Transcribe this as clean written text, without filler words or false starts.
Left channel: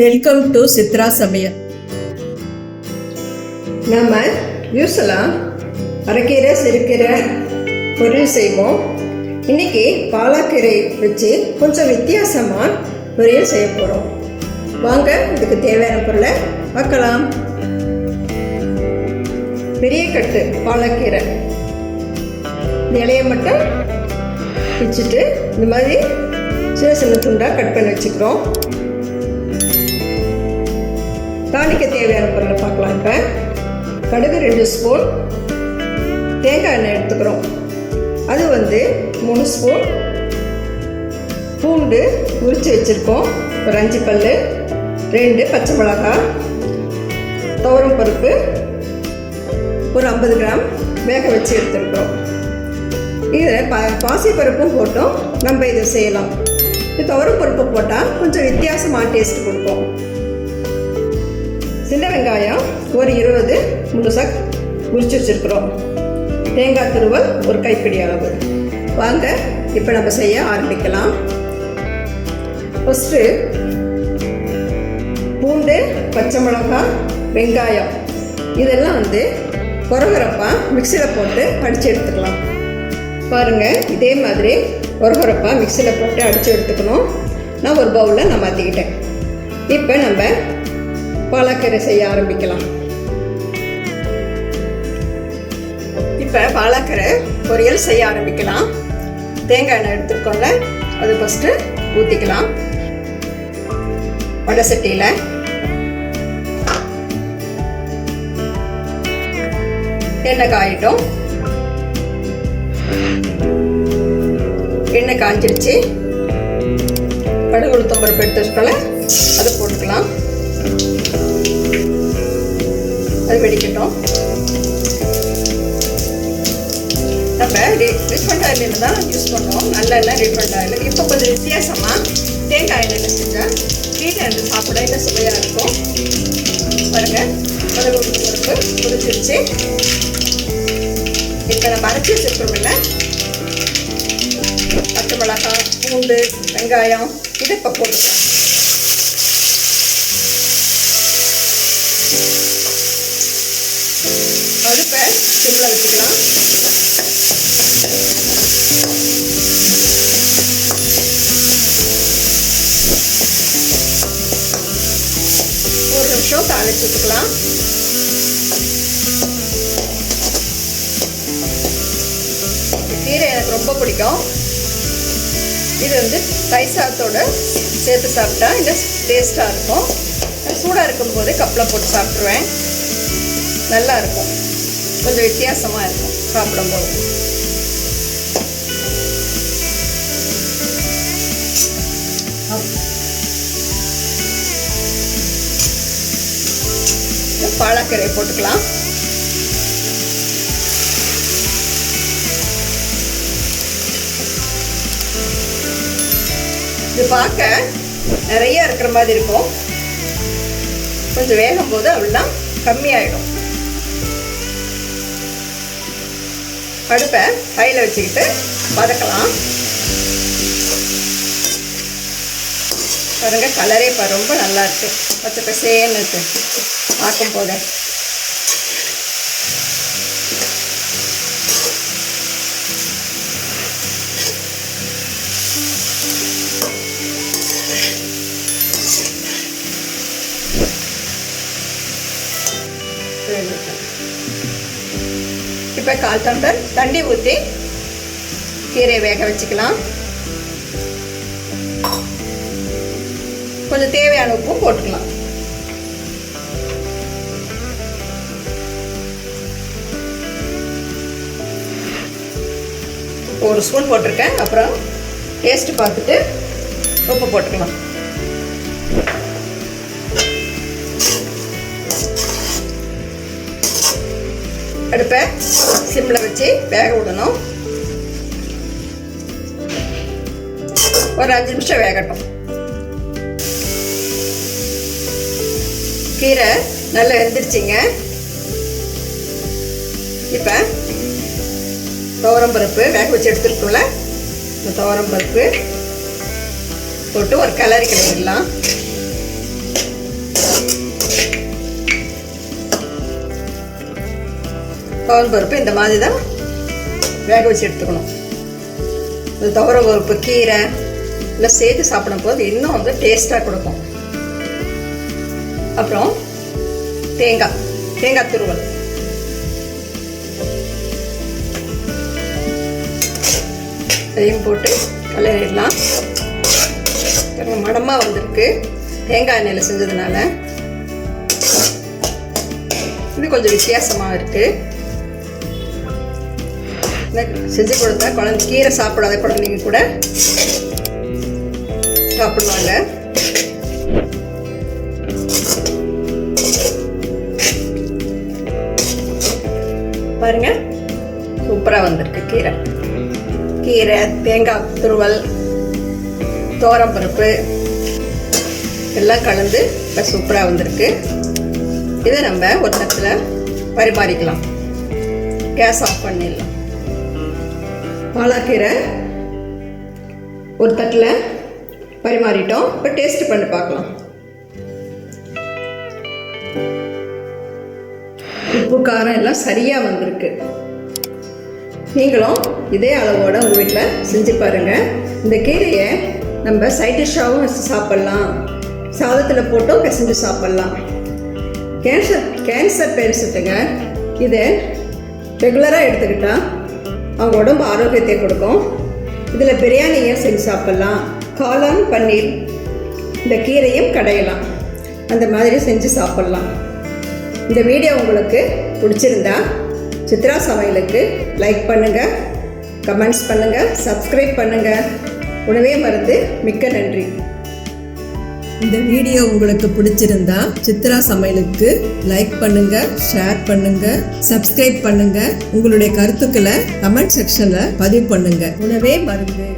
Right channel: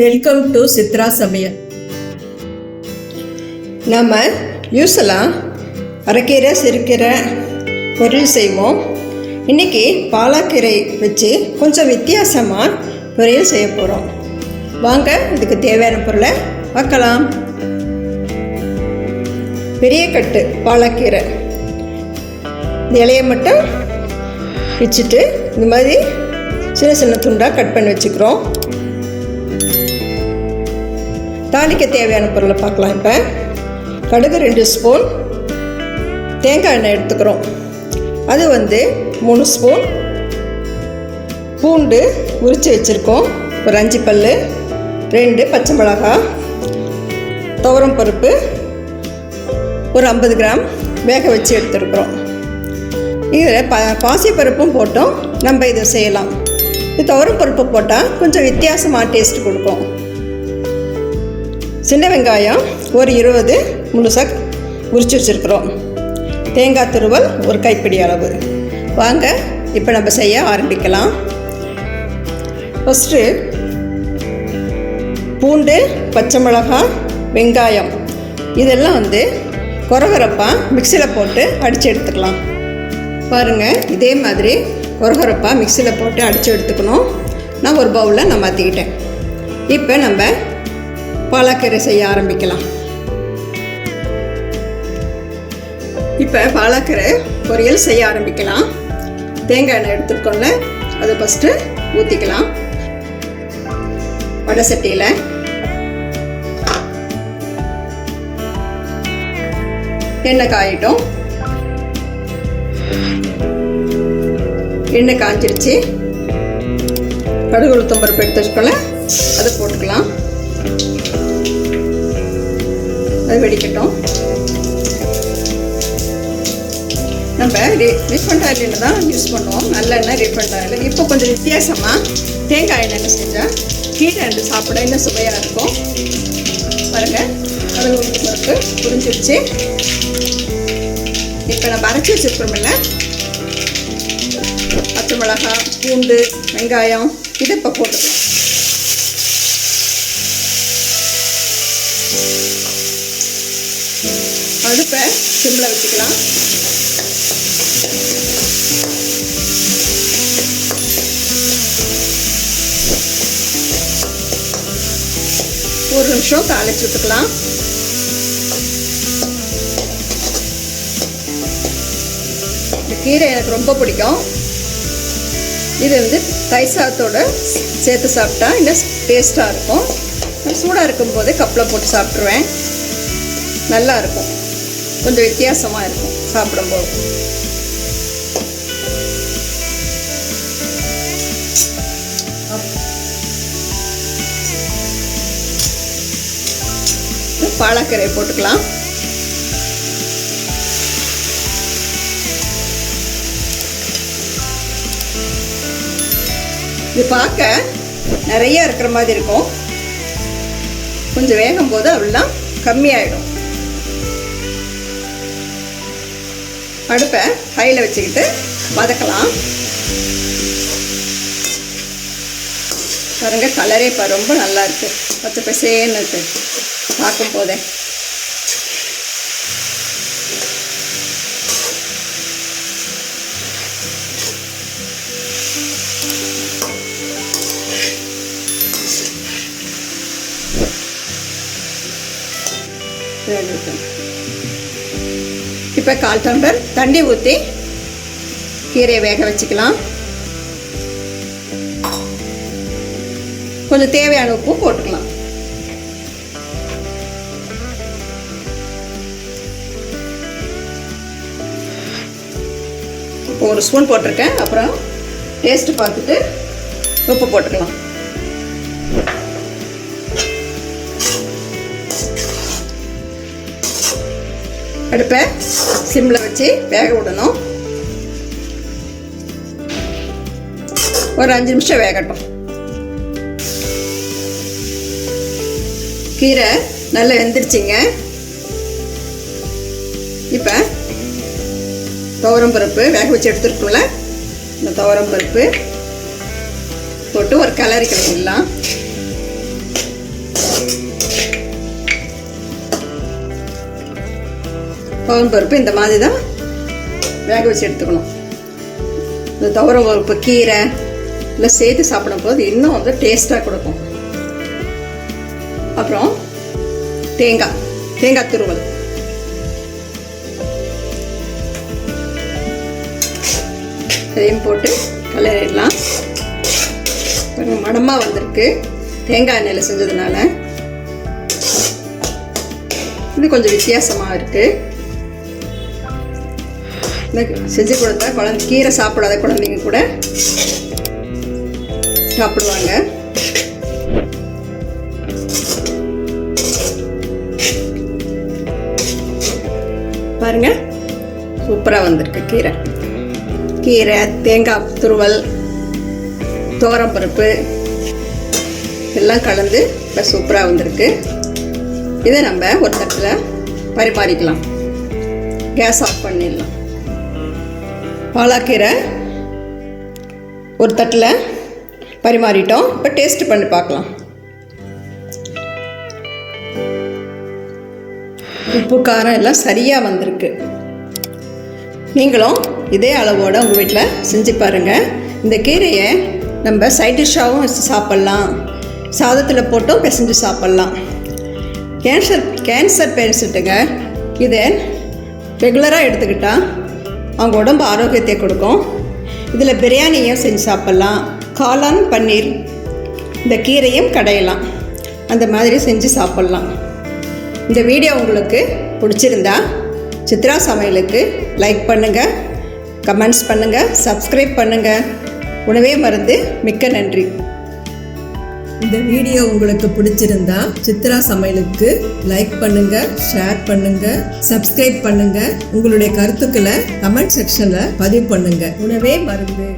Welcome to Chitra சமையல். நம்ம யூஸ்வலாக அரைக்கீரை சிறுக்கீரை பொரியல் செய்வோம். இன்றைக்கி பாலாக்கீரை வச்சு கொஞ்சம் வித்தியாசமாக பொரியல் செய்ய போகிறோம். வாங்க இதுக்கு தேவையான பொருளை பார்க்கலாம். பெரிய கட்டு பாலாக்கீரை, இந்த இலையை மட்டும் பிச்சுட்டு இந்த மாதிரி சின்ன சின்ன துண்டாக கட் பண்ணி வச்சுக்கிறோம். தாளிக்க தேவையான பொருளை பார்க்கலாம். இப்போ கடுகு 2 ஸ்பூன், தேங்காய் எண்ணெய் எடுத்துக்கிறோம். அது 3 ஸ்பூன், பூண்டு உரித்து வச்சுருக்கோம் ஒரு 5 பல், 2 பச்சை மிளகாய், துவரம் பருப்பு ஒரு 50 கிராம் வேக வச்சு எடுத்துருக்குறோம். இதில் பாசிப்பருப்பும் போட்டோம் நம்ம இதை செய்யலாம். இது துவரம் பருப்பு போட்டால் கொஞ்சம் வித்தியாசமாக டேஸ்ட் கொடுக்கும். சின்ன வெங்காயம் ஒரு 20 முழுசாக உரிச்சு வச்சுருக்குறோம். தேங்காய் துருவல் ஒரு கைப்பிடி அளவு. வாங்க இப்போ நம்ம செய்ய ஆரம்பிக்கலாம். ஃபஸ்ட்டு பூண்டு, பச்சை மிளகாய், வெங்காயம் இதெல்லாம் கொரகொரப்பாக மிக்சியில் போட்டு அடித்து எடுத்துக்கலாம். பாருங்கள், இதே மாதிரி கொரகொரப்பாக மிக்சியில் போட்டு அடித்து எடுத்துக்கணும். நான் ஒரு பவுலில் நான் மாற்றிக்கிட்டேன். இப்போ நம்ம பாலாக்கீரை செய்ய ஆரம்பிக்கலாம். இப்போ பாலாக்கீரை பொரியல் செய்ய ஆரம்பிக்கலாம். தேங்காய் எண்ணெய் எடுத்துருக்கோங்க, அது ஃபஸ்ட்டு ஊற்றிக்கலாம். வடை சட்டியில் எண்ணெய் காயிட்டோம். எண்ணெய் காய்ச்சிருச்சு. கடுகு உளுத்தம் பருப்பு எடுத்து வச்சுக்கோல, அதை போட்டுக்கலாம். அது வெடிக்கட்டும். நம்ம ரீஃபண்ட் ஆயிலில் தான் யூஸ் பண்ணுவோம், நல்லெண்ணெய் ரீஃபண்ட் ஆயில். இப்போ கொஞ்சம் வித்தியாசமாக தேங்காய் எண்ணெயில் செஞ்சால் கீரை சாப்பிட இன்னும் சுவையாக இருக்கும். பாருங்கள், அது உங்களுக்கு புரிஞ்சிருச்சு. இப்போ நம்ம அரைச்சி வச்சுருக்கோம்ல பச்சை மிளகாய், பூண்டு, வெங்காயம் இது இப்போ போட்டுக்கலாம். அடுப்பை சிம்மில் வச்சுக்கலாம். ஒரு நிமிஷம் தாளிச்சு விட்டுக்கலாம். கீரை எனக்கு ரொம்ப பிடிக்கும். இது தயிர் சாதத்தோட சேர்த்து சாப்பிட்டா இன்னும் டேஸ்ட்டாக இருக்கும். சூடாக இருக்கும் போதே கப்பில் போட்டு சாப்பிட்ருவேன். நல்லா இருக்கும், கொஞ்சம் வித்தியாசமாக இருக்கும் சாப்பிடும்போது. பாலாக்கீரை போட்டுக்கலாம். இது பார்க்க நிறைய இருக்கிற மாதிரி இருக்கும். கொஞ்சம் வேகும் போது அவ்வளோதான் கம்மியாயிடும். அடுப்பை கையில் வச்சுக்கிட்டு வதக்கலாம். பாருங்க, கலரே இப்போ ரொம்ப நல்லா இருக்கு. பச்சை பசேன்னு இருக்கு பார்க்கும் போதே. இப்போ 1/4 டம்ளர் தண்ணி ஊற்றி கீரையை வேக வச்சுக்கலாம். கொஞ்சம் தேவையான உப்பு போட்டுக்கலாம். ஒரு ஸ்பூன் போட்டிருக்கேன். அப்புறம் டேஸ்ட்டு பார்த்துட்டு உப்பு போட்டுக்கலாம். அடுப்பை சிம்மில் வச்சு வேக விடணும். ஒரு 5 நிமிஷம் வேகட்டும். கீரை நல்லா வெந்துருச்சுங்க. இப்போ துவரம் பருப்பு வேக வச்சு எடுத்துருக்கோம்ல, இந்த துவரம் பருப்பு போட்டு ஒரு கலரி கிளறிடலாம். துவரம் பருப்பு இந்த மாதிரி தான் வேக வச்சு எடுத்துக்கணும். இந்த துவரம் பருப்பு கீரை இல்லை சேர்த்து சாப்பிடும்போது இன்னும் வந்து டேஸ்ட்டாக கொடுக்கும். அப்புறம் தேங்காய் துருவல், அதையும் போட்டு கலரிடலாம். மணமாக வந்திருக்கு தேங்காய் எண்ணெயில் செஞ்சதுனால. இது கொஞ்சம் வித்தியாசமாக இருக்குது. செஞ்சு கொடுத்தா குழந்தை கீரை சாப்பிடாத குழந்தைங்க கூட சாப்பிடுவாங்க. பாருங்க, சூப்பராக வந்திருக்கு. கீரை தேங்காய் துருவல் துவரம்பருப்பு எல்லாம் கலந்து இப்போ சூப்பராக வந்திருக்கு. இதை நம்ம ஒரு தட்டில் பரிமாறிக்கலாம். கேஸ் ஆஃப் பண்ணிடலாம். பாலாக்கீரை ஒரு தட்டில் பரிமாறிட்டோம். இப்போ டேஸ்ட் பண்ணி பார்க்கலாம். உப்பு காரம் எல்லாம் சரியாக வந்திருக்கு. நீங்களும் இதே அளவோடு உங்கள் வீட்டில் செஞ்சு பாருங்கள். இந்த கீரையை நம்ம சைட் டிஷ்ஷாகவும் வச்சு சாப்பிட்லாம், சாதத்தில் போட்டும் பிசைஞ்சு சாப்பிட்லாம். கேன்சர் பேஷண்ட்டுங்க இதை ரெகுலராக எடுத்துக்கிட்டால் அவங்க உடம்பு ஆரோக்கியத்தை கொடுக்கும். இதில் பிரியாணியும் செஞ்சு சாப்பிட்லாம், காளான் பன்னீர் இந்த கீரையும் கடையலாம், அந்த மாதிரி செஞ்சு சாப்பிட்லாம். இந்த வீடியோ உங்களுக்கு பிடிச்சிருந்தா சித்ரா சமையலுக்கு லைக் பண்ணுங்கள், கமெண்ட்ஸ் பண்ணுங்கள், சப்ஸ்கிரைப் பண்ணுங்கள். உணவே மருந்து. மிக்க நன்றி. இந்த வீடியோ உங்களுக்கு பிடிச்சிருந்தா சித்ரா சமையலுக்கு லைக் பண்ணுங்க, ஷேர் பண்ணுங்க, சப்ஸ்கிரைப் பண்ணுங்க. உங்களுடைய கருத்துக்களை கமெண்ட் செக்ஷன்ல பதிவு பண்ணுங்க. உணவே மருந்து.